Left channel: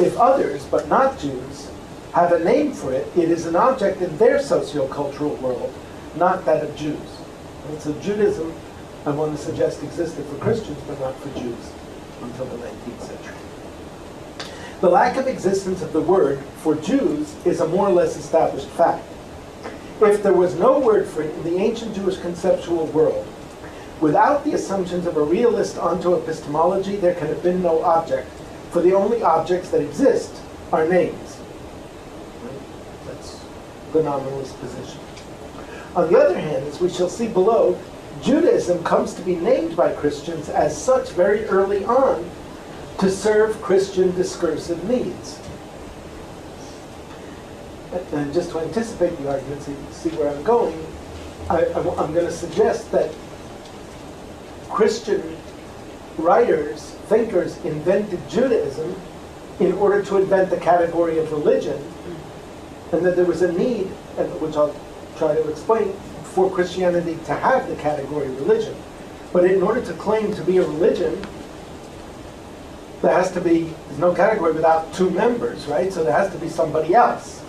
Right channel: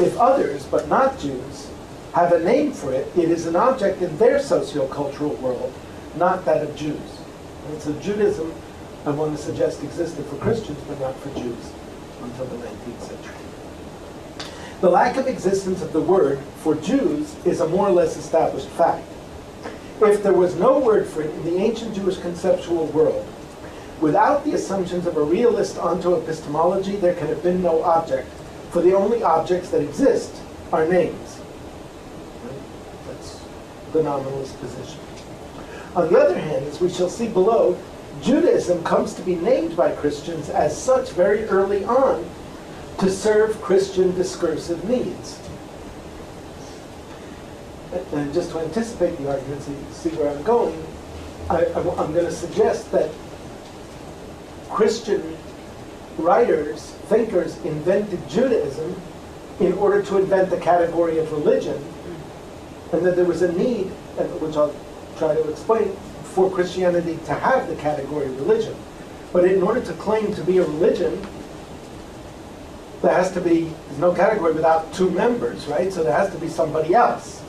If others, but not Jews, have a name for it, it is an object in their sociocultural world, not that of Jews. And so Judaism, I want to suggest, existed for Christians, but not for Jews until the 19th century. The lack of existence of the word for Jews is a more or less established fact. If there was no word for it in the ancient Jewish conceptual world, without the assumptions of a realist onto epistemology, there can have been no object, for the only objects that exist are names. Right? That's the nominalist position. On the other hand, as we shall see below, Judaism comes to be named by Christians as such very early on to serve Christian discursive needs. And just to anticipate the argument, so you see where I'm going, I'm going to suggest that Christian writers, thinkers, invented Judaism in order to invent the category of religion, and that there was a need, which I'll try to explain, for Christianity to have the category religion. But in order to claim to be a religion, there has to be, there's no category without two members, right? So there has to be somebody else,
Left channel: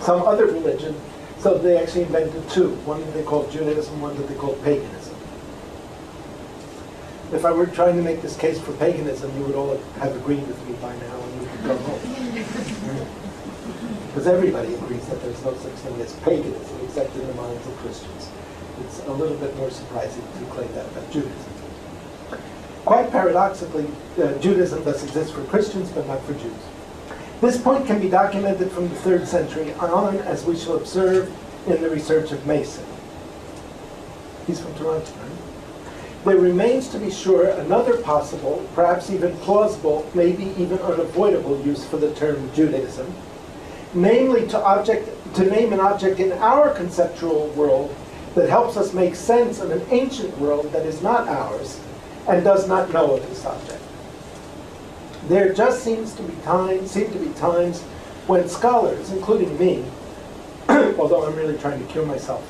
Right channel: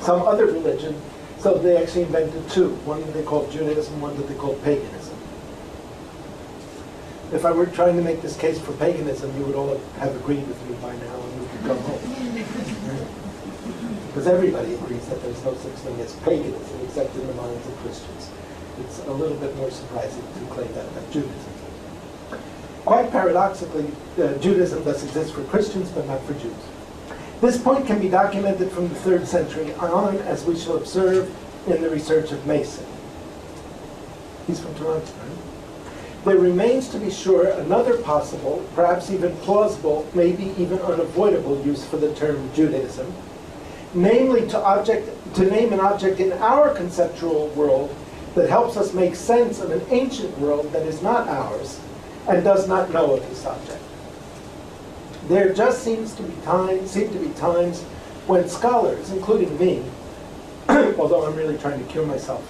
some other religion. So they actually invented two, one that they called Judaism, one that they called paganism. If I were trying to make this case for paganism, you would all have agreed with me by now and we could go home. Because everybody agrees that there's no such thing as paganism except in the minds of Christians. It's a little bit more surprising to claim that about Judaism. Quite paradoxically, Judaism thus exists for Christians but not for Jews. This point can be documented from the 3rd century on, as we shall observe in the research of Mason. He's from Toronto, right? There remains, to be sure, another possible, perhaps even plausible, maybe even unavoidable use for the term Judaism, namely to name an object in our conceptual world that helps us make sense of an ancient world that is not ours and does not know of this object. There just seem to be times when scholars, including me, although I'm really trying to cure myself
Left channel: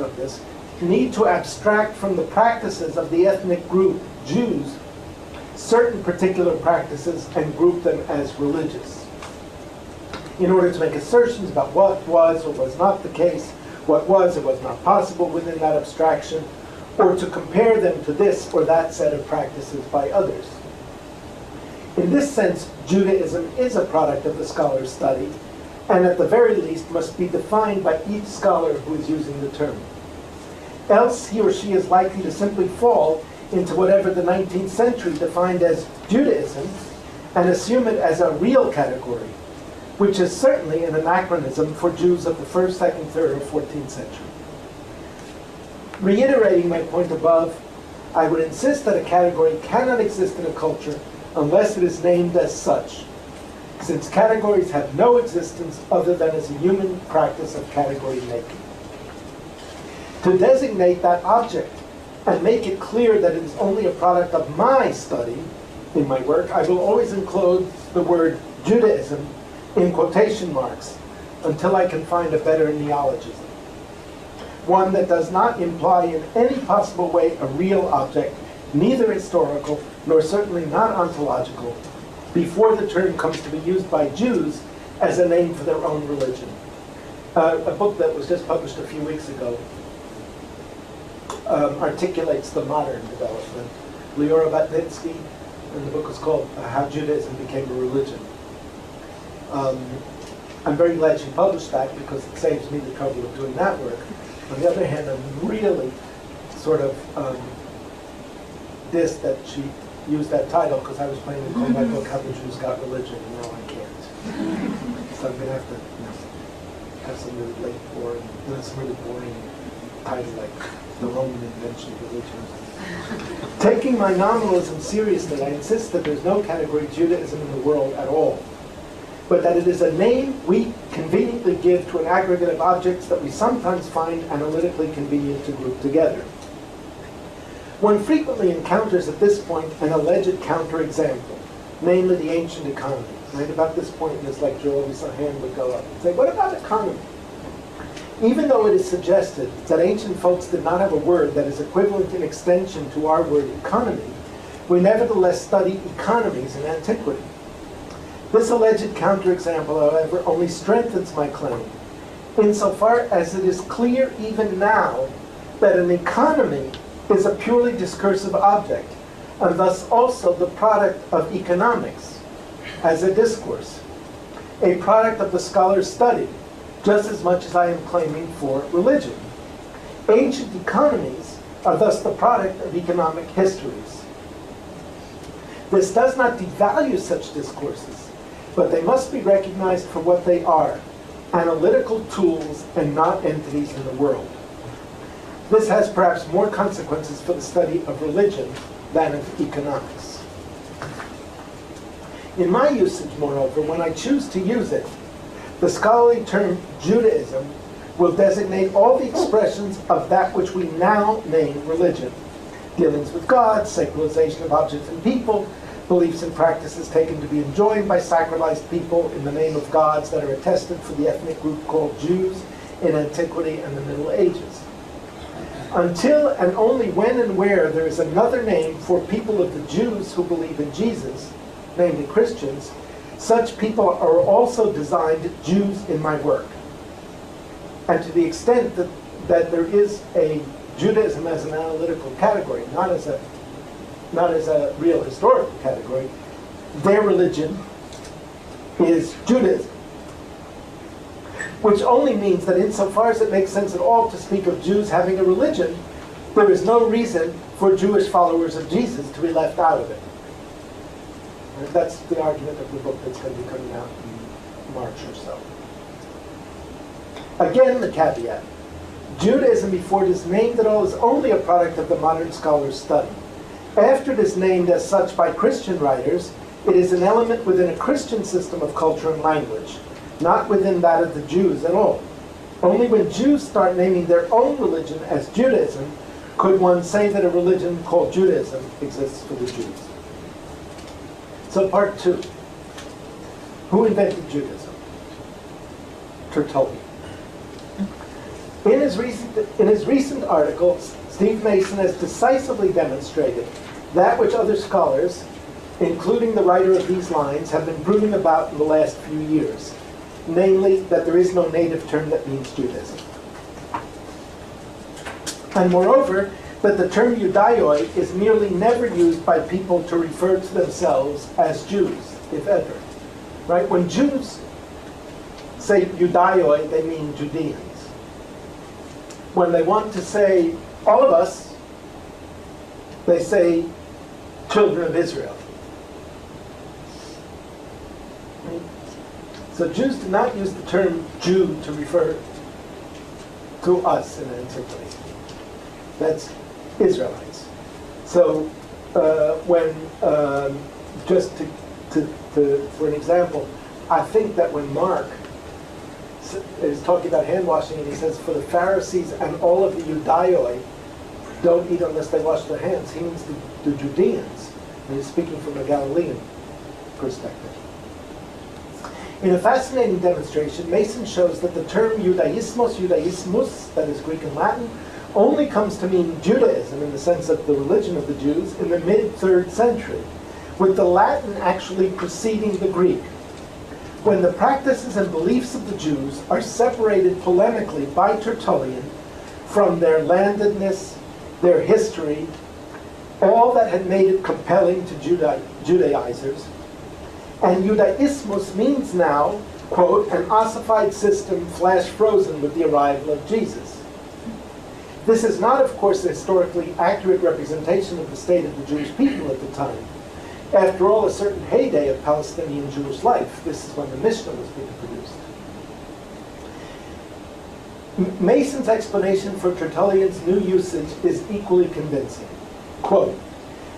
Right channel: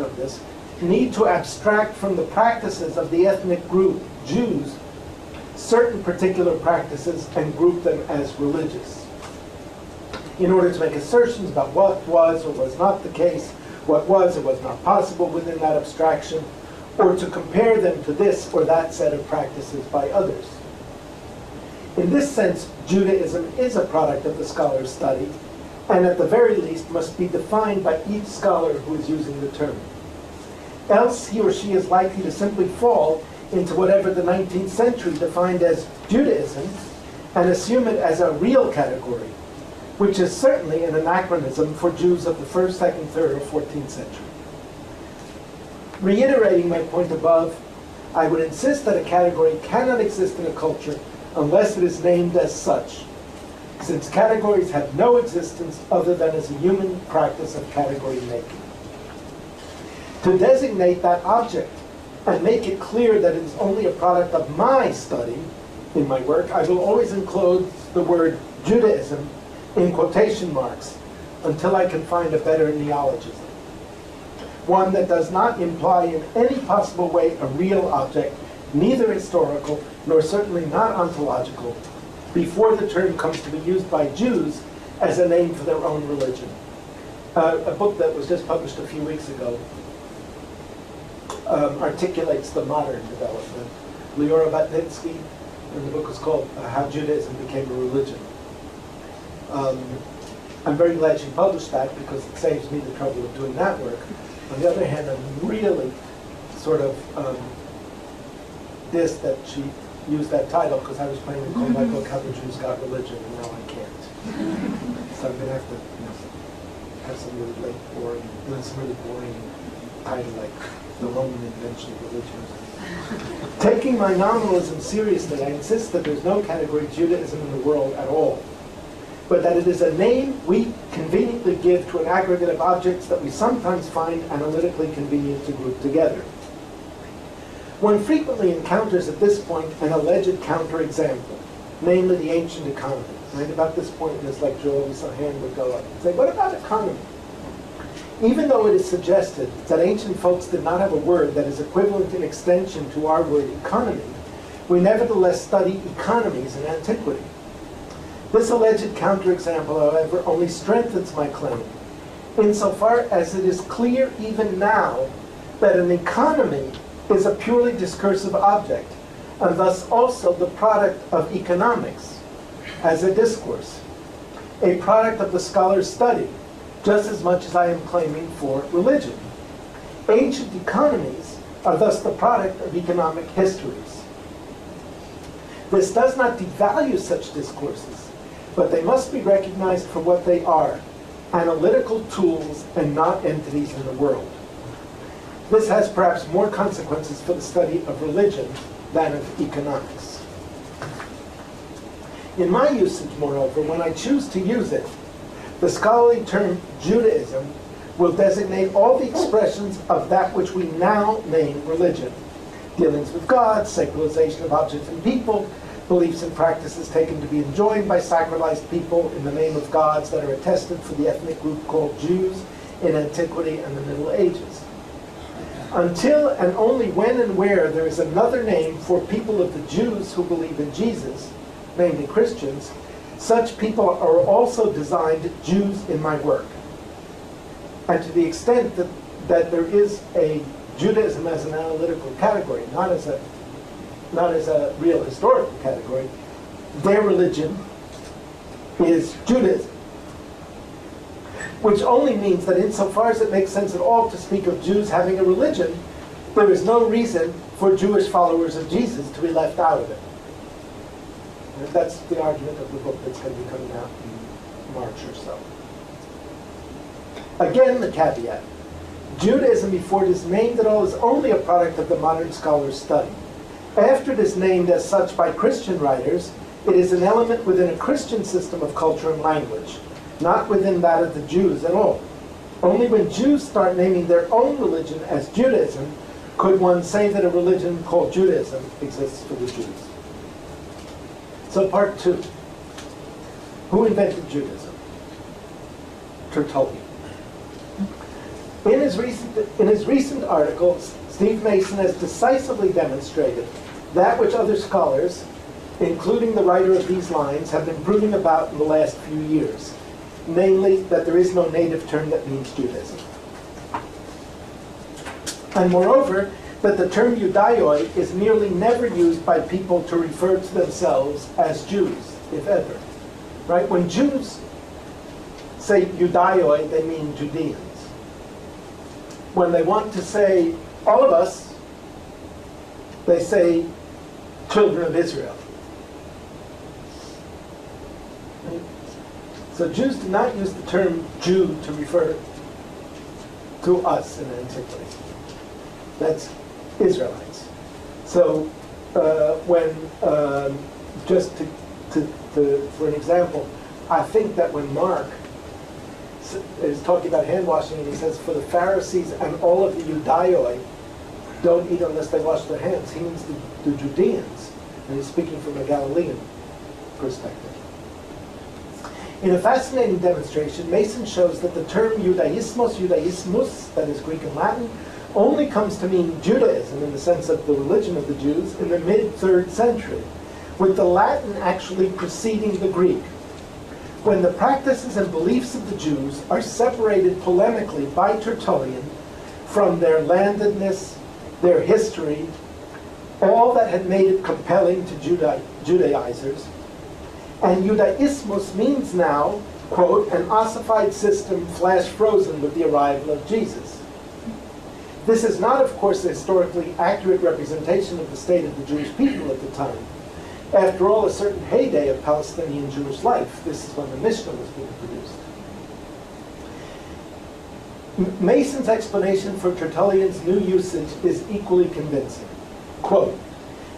of this, need to abstract from the practices of the ethnic group, Jews, certain particular practices and group them as religious. In order to make assertions about what was or was not the case, what was or was not possible within that abstraction, or to compare them to this or that set of practices by others. In this sense, Judaism is a product of the scholar's study, and at the very least must be defined by each scholar who is using the term. Else he or she is likely to simply fall into whatever the 19th century defined as Judaism and assume it as a real category, which is certainly an anachronism for Jews of the 1st, 2nd, 3rd, or 14th century. Reiterating my point above, I would insist that a category cannot exist in a culture unless it is named as such, since categories have no existence other than as a human practice of category making. To designate that object and make it clear that it is only a product of my study in my work, I will always enclose the word Judaism in quotation marks until I can find a better neologism. One that does not imply in any possible way a real object, neither historical nor certainly not ontological, before the term comes to be used by Jews as a name for their own religion. A book that was just published a few weeks ago articulates the modern development. Liora Batnitsky, and the book is called How Judaism Became a Religion. I'm very glad she published that because it saves me the trouble of doing that work. On the other hand, I'm really sort of dissed that she used that title because I was planning to call my book How the Jews Got Religion, and now I can't. So I'm going to have to have some really boring title like The Roman Invention of Religion. Taking my nominalism seriously, I insist that there's no category Judaism in the world at all, but that it is a name we conveniently give to an aggregate of objects that we sometimes find analytically convenient to group together. One frequently encounters at this point an alleged counterexample, namely the ancient economy. Right about this point in this lecture, always a hand would go up and say, what about economy? Even though it is suggested that ancient folks did not have a word that is equivalent in extension to our word economy, we nevertheless study economies in antiquity. This alleged counterexample, however, only strengthens my claim, insofar as it is clear even now that an economy is a purely discursive object, and thus also the product of economics as a discourse, a product of the scholar's study, just as much as I am claiming for religion. Ancient economies are thus the product of economic histories. This does not devalue such discourses, but they must be recognized for what they are, analytical tools and not entities in the world. This has perhaps more consequences for the study of religion than of economics. In my usage, moreover, when I choose to use it, the scholarly term Judaism will designate all the expressions of that which we now name religion. Dealings with God, secularization of objects and people, beliefs and practices taken to be enjoined by sacralized people in the name of gods that are attested for the ethnic group called Jews in antiquity and the Middle Ages. Until and only when and where there is another name for people of the Jews who believe in Jesus, namely Christians, such people are also designed Jews in my work. And to the extent that there is a Judaism as an analytical category, not as a real historical category, their religion is Judaism. Which only means that insofar as it makes sense at all to speak of Jews having a religion, there is no reason for Jewish followers of Jesus to be left out of it. And that's the argument of the book that's going to be coming out in March or so. Again, the caveat. Judaism, before it is named at all, is only a product of the modern scholar's study. After it is named as such by Christian writers, it is an element within a Christian system of culture and language, not within that of the Jews at all. Only when Jews start naming their own religion as Judaism could one say that a religion called Judaism exists for the Jews. So part 2. Who invented Judaism? Tertullian. In his recent article, Steve Mason has decisively demonstrated that which other scholars, including the writer of these lines, have been brooding about in the last few years, namely that there is no native term that means Judaism. And moreover, that the term Judaioi is nearly never used by people to refer to themselves as Jews, if ever. Right? When Jews say Judaioi, they mean Judeans. When they want to say all of us, they say children of Israel. Right? So Jews do not use the term Jew to refer to us in antiquity. That's Israelites. So just for an example, I think that when Mark is talking about hand washing and he says, for the Pharisees and all of the Judaioi don't eat unless they wash their hands, he means the Judeans, and he's speaking from a Galilean perspective. In a fascinating demonstration, Mason shows that the term Judaismus, that is Greek and Latin, only comes to mean Judaism in the sense of the religion of the Jews in the mid-3rd century, with the Latin actually preceding the Greek. When the practices and beliefs of the Jews are separated polemically by Tertullian from their landedness, their history, all that had made it compelling to Judaizers, and Judaismus means now, quote, an ossified system flash frozen with the arrival of Jesus. This is not, of course, a historically accurate representation of the state of the Jewish people at the time. After all, a certain heyday of Palestinian Jewish life. This is when the Mishnah was being produced. Mason's explanation for Tertullian's new usage is equally convincing. Quote,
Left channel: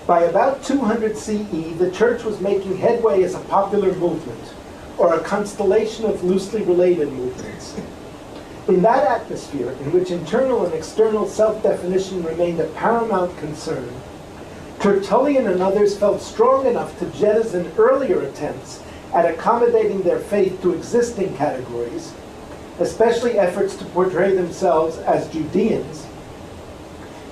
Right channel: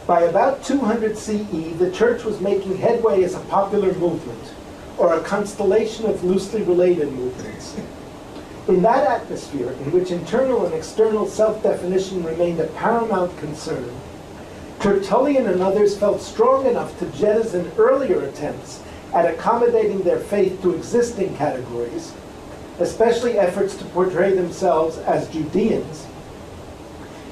by about 200 CE, the church was making headway as a popular movement, or a constellation of loosely related movements. In that atmosphere, in which internal and external self-definition remained a paramount concern, Tertullian and others felt strong enough to jettison earlier attempts at accommodating their faith to existing categories, especially efforts to portray themselves as Judeans,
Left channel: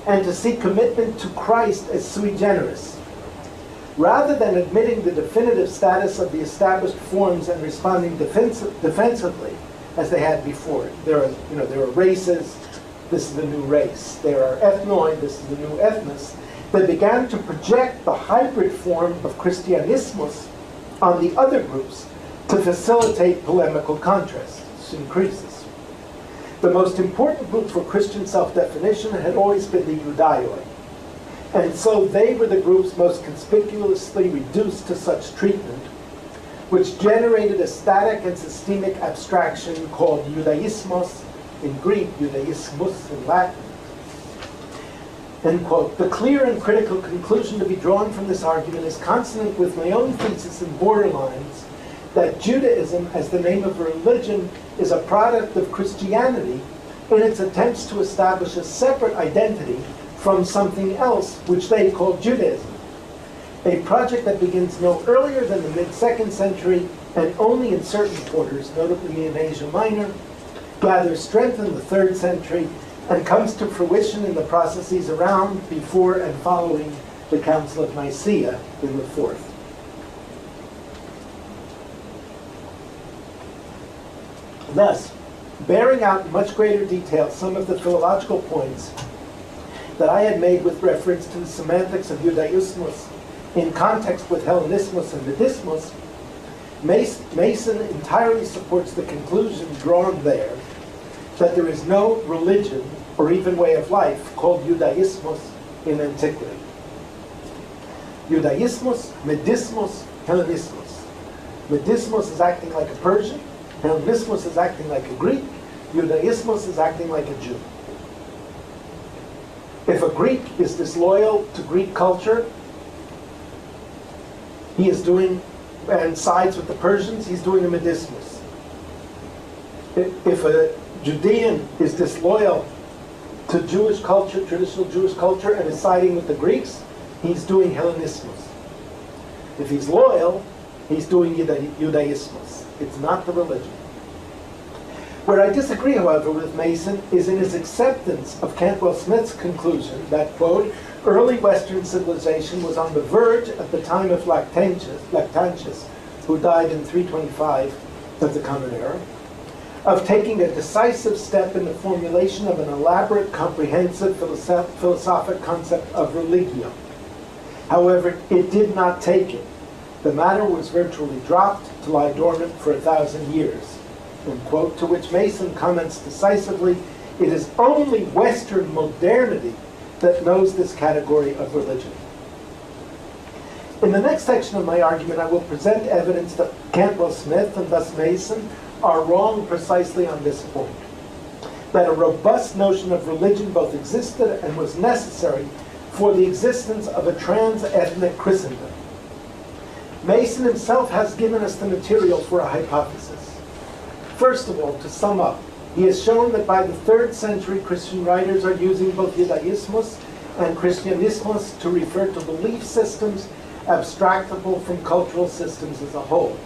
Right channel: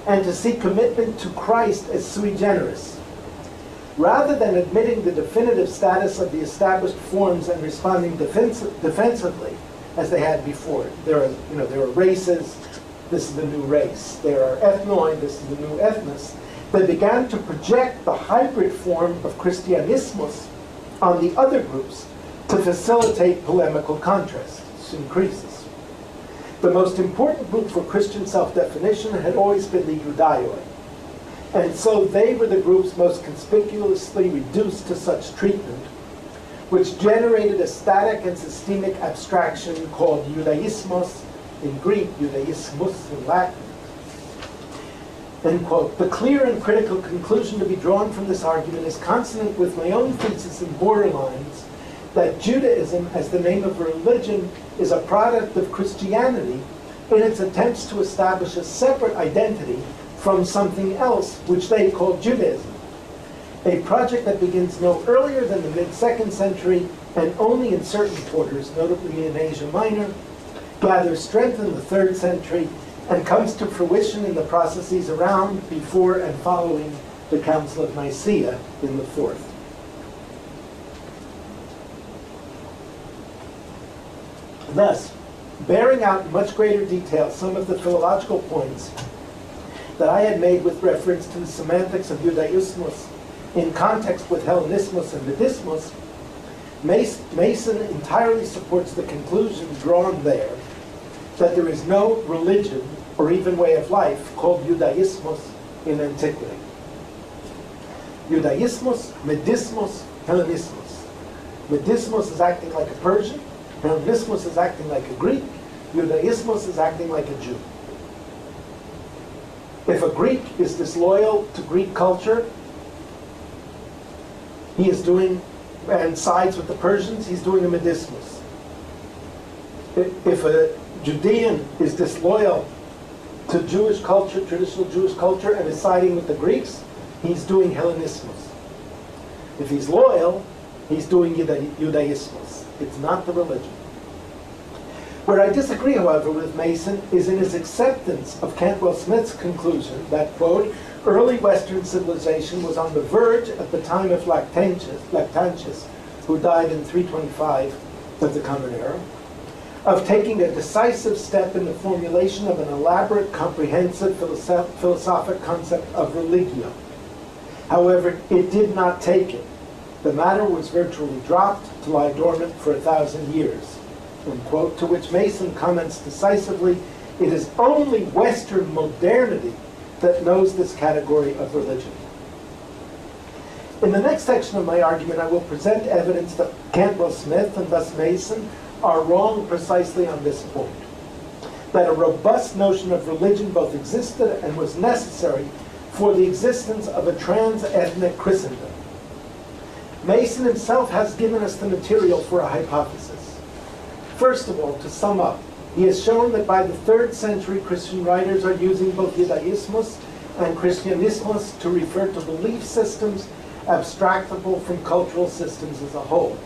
and to seek commitment to Christ as sui generis. Rather than admitting the definitive status of the established forms and responding defensively as they had before. There are races, this is the new race. There are ethnoi, this is the new ethnos. They began to project the hybrid form of Christianismus on the other groups to facilitate polemical contrast, syncresis. The most important group for Christian self-definition had always been the Judaioi, and so they were the groups most conspicuously reduced to such treatment, which generated a static and systemic abstraction called Judaismos in Greek, Judaismus in Latin. End quote. The clear and critical conclusion to be drawn from this argument is consonant with my own thesis in Borderlines that Judaism, as the name of a religion, is a product of Christianity in its attempts to establish a separate identity from something else, which they call Judaism. A project that begins no earlier than the mid-2nd century and only in certain quarters, notably in Asia Minor, gathers strength in the 3rd century and comes to fruition in the processes around, before, and following the Council of Nicaea in the 4th. Thus, bearing out in much greater detail some of the philological points that I had made with reference to the semantics of Judaismus in context with Hellenismus and Buddhismus, Mason entirely supports the conclusion drawn there that there is no religion or even way of life called Judaismus in antiquity. Judaismus, Medismus, Hellenismus. Medismus is acting like a Persian, Hellenismus is acting like a Greek, Judaismus is acting like a Jew. If a Greek is disloyal to Greek culture, he is doing, and sides with the Persians, he's doing a Medismus. If a Judean is disloyal to Jewish culture, traditional Jewish culture, and is siding with the Greeks, he's doing Hellenismus. If he's loyal, he's doing Judaismus. It's not the religion. Where I disagree, however, with Mason is in his acceptance of Cantwell Smith's conclusion that, quote, early Western civilization was on the verge at the time of Lactantius, who died in 325 of the Common Era, of taking a decisive step in the formulation of an elaborate, comprehensive philosophic concept of religio. However, it did not take it. The matter was virtually dropped to lie dormant for 1,000 years. Unquote, to which Mason comments decisively, it is only Western modernity that knows this category of religion. In the next section of my argument, I will present evidence that Cantwell Smith and thus Mason are wrong precisely on this point, that a robust notion of religion both existed and was necessary for the existence of a trans-ethnic Christendom. Mason himself has given us the material for a hypothesis. First of all, to sum up, he has shown that by the 3rd century, Christian writers are using both Judaismus and Christianismus to refer to belief systems abstractable from cultural systems as a whole.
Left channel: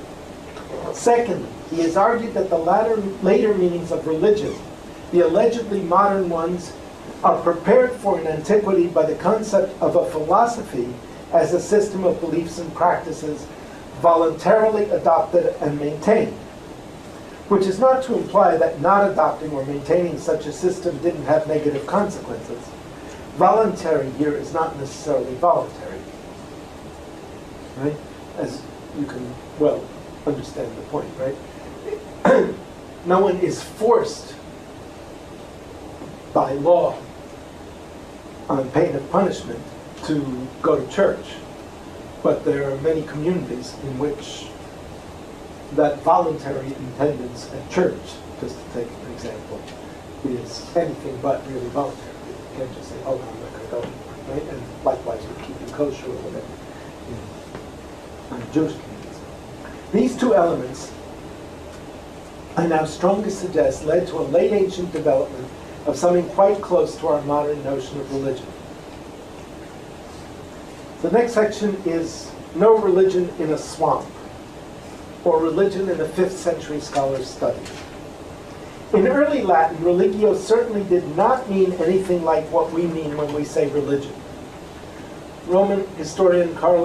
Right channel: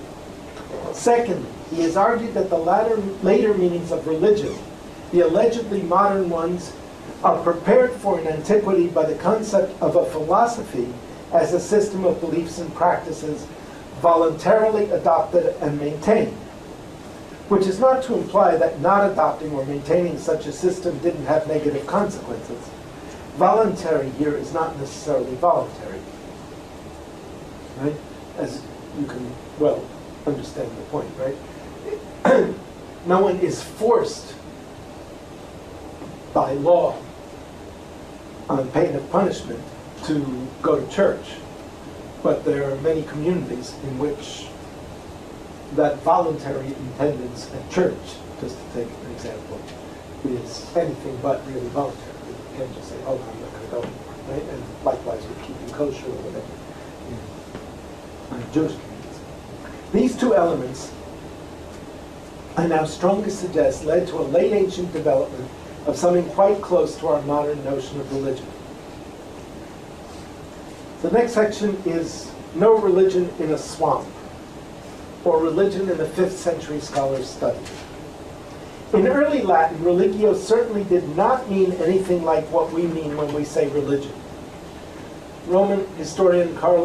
Secondly, he has argued that the later meanings of religion, the allegedly modern ones, are prepared for in antiquity by the concept of a philosophy as a system of beliefs and practices voluntarily adopted and maintained, which is not to imply that not adopting or maintaining such a system didn't have negative consequences. Voluntary here is not necessarily voluntary, right? As you can well understand the point, right? No one is forced by law on pain of punishment to go to church, but there are many communities in which that voluntary attendance at church, just to take an example, is anything but really voluntary. You can't just say, oh, no, I'm not going to go anymore, right? And likewise with keeping kosher or whatever in Jewish communities. These two elements, I now strongly suggest, led to a late ancient development of something quite close to our modern notion of religion. The next section is no religion in a swamp, or religion in the 5th century scholar's study. In early Latin, religio certainly did not mean anything like what we mean when we say religion. Roman historian Carl